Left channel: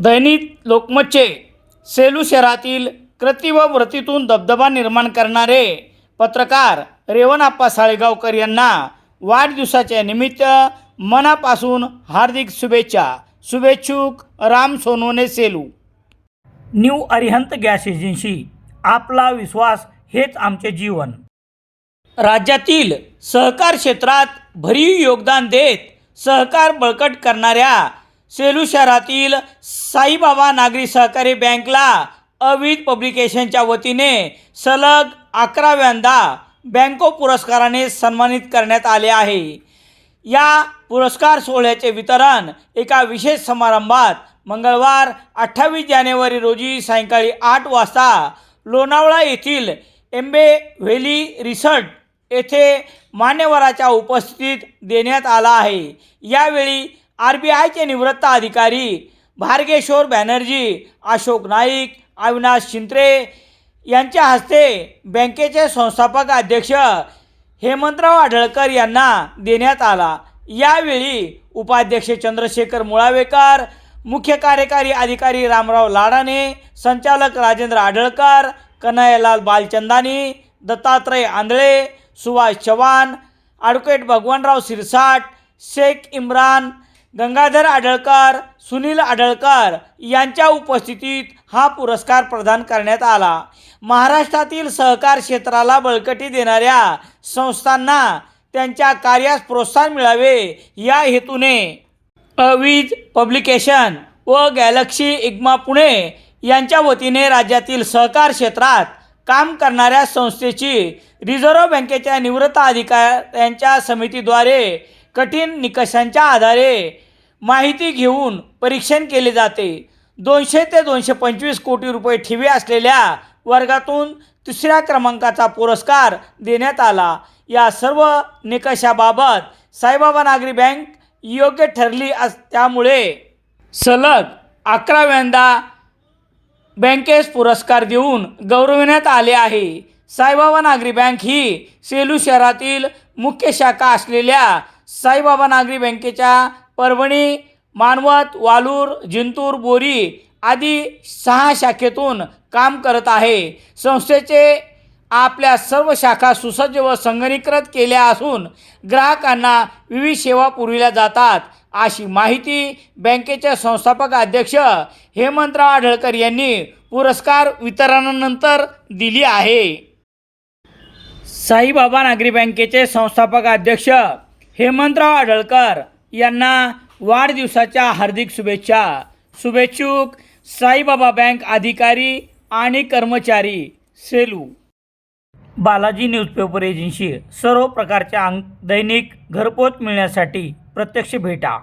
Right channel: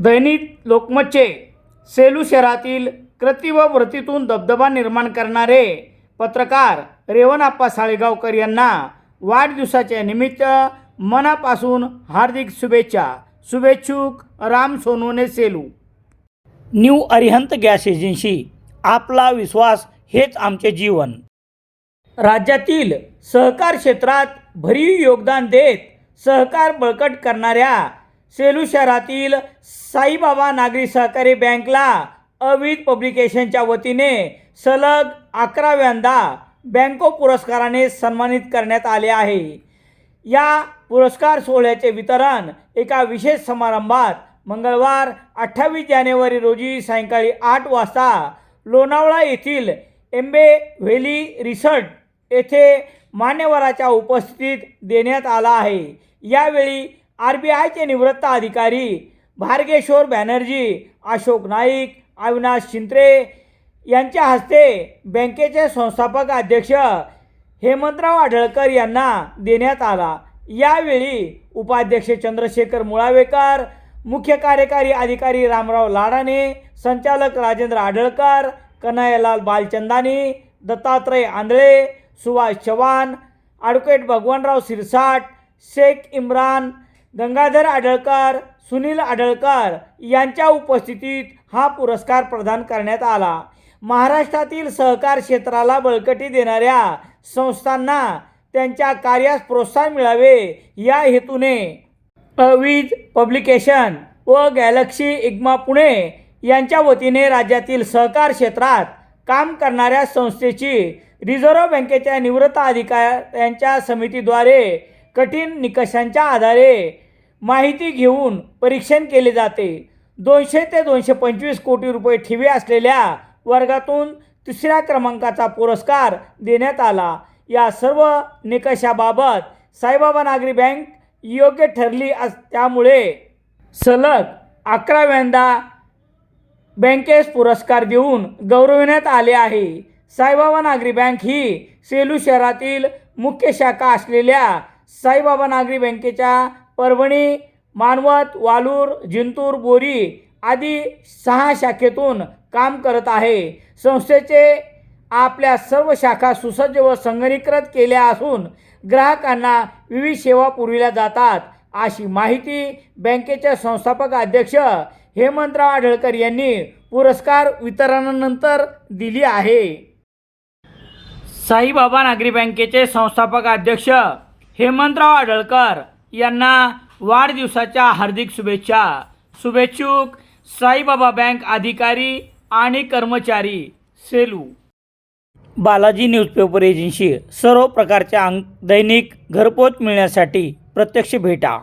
दैनिक लोकमतचे सेलू शहरातील कृती व व्रतीतून दबदबा निर्माण करणारे पत्रकार रेवणाप्पा साळेगावकर यांना वाढदिवसाच्या निमित्त मनापासून हार्दिक शुभेच्छा. शुभेच्छुक Ram Sonune Selu. New Arihant gas agency. आपला विश्वास हेच आमचे जीवन. राज्यातील सहकार क्षेत्रात भरीव योगदान देत सहकार बळकट करणाऱ्या सेलू शहरातील साईबाबा नागरी सहकारी बँकला अविध पब्लिकेशनच्या वतीने सलग अकराव्यांदा बँको पुरस्काराने सन्मानित करण्यात आले आहे. या पुरस्कार सोहळ्याचे वितरण एका विशेष समारंभात मंगळवार अठ्ठावीस जानेवारी रोजी सायंकाळी आठ वाजता लोणावळा येथील एम्बे व्हॅली रिसर्ट येथे मान्यवराच्या उपस्थितीत देण्यात आला आहे. यावेळी आर बी आयचे निवृत्त अधिकारी भार्गेश्वर बॅनर्जी अशोक नाईक अविनाश शिंत्रे यांच्या हस्ते बँकेचे संस्थापक अध्यक्ष हेमंतराव आढळकर यांना देण्यात आला. यावेळी उपाध्यक्ष चंद्रशेखर मुळावेकर मुख्य कार्यकारी अधिकारी रामराव लाडाने संचालक राजेंद्र आढळकर कन्हैयालाल बालचंदानी दत्तात्रय आंधळे सुभाष चव्हाण ॲडव्होकेट भगवानराव सिरसाट शेख इम्रान गंगाधर आढळकर सुनील आढळकर यांच्या उपस्थितीत हा पुरस्कार प्रदान करण्यात आला. महाराष्ट्रातील सहकार क्षेत्राला बळकटी देणाऱ्या संस्थांना त्यांच्या कार्यास प्रोत्साहन मिळावे या हेतूने अवीज पब्लिकेशन व गॅलक्सी इग्मा पुणे यांच्या वतीने राज्यातील सहकार क्षेत्रात काम करणाऱ्या संस्थेची रिझर्व्ह बँकेच्या निवृत्त अधिकाऱ्यांच्या समितीद्वारे कठीण निकषांच्या आधारे माहिती घेऊन परीक्षण केले जाते. दोनशे ते दोनशे पंचवीस कोटी रुपये ठेवी असलेल्या वर्गातून तिसऱ्या क्रमांकाचा पुरस्कार देण्यात आला. या सर्व निकषाबाबत साईबाबा नागरी बँक योग्य ठरली अस त्यामुळे सलग अकराव्यांदा बँकेस पुरस्कार देऊन गौरविण्यात आले आहे. साईबाबा नागरी बँक ही सेलू शहरातील मुख्य शाखा असलेल्या साईबाबा नागरी बँकेच्या परभणी मानवत वालूर जिंतूर बोरी आदी सहा शाखेतून काम करत आहे. संस्थेचे आपल्या सर्व शाखा सुसज्ज व संगणीकृत केल्या असून ग्राहकांना विविध सेवा पुरविल्या जातात. अशी माहिती बँकेचे संस्थापक अध्यक्ष हेमंतराव आढळकर यांनी पुरस्कार वितरणानंतर दिली आहे. साईबाबा नागरी बँकेचे संस्थापक अध्यक्ष हेमंतराव आढळकर यांना वाढदिवसाच्या हार्दिक शुभेच्छा. शुभेच्छुक साईबाबा बँक अधिकारी आणि कर्मचारी सेलू. बालाजी न्यूजपेपर एजन्सी सर्व प्रकारच्या अंक दैनिक घरपोच मिळण्यासाठी प्रत्यक्ष भेटा.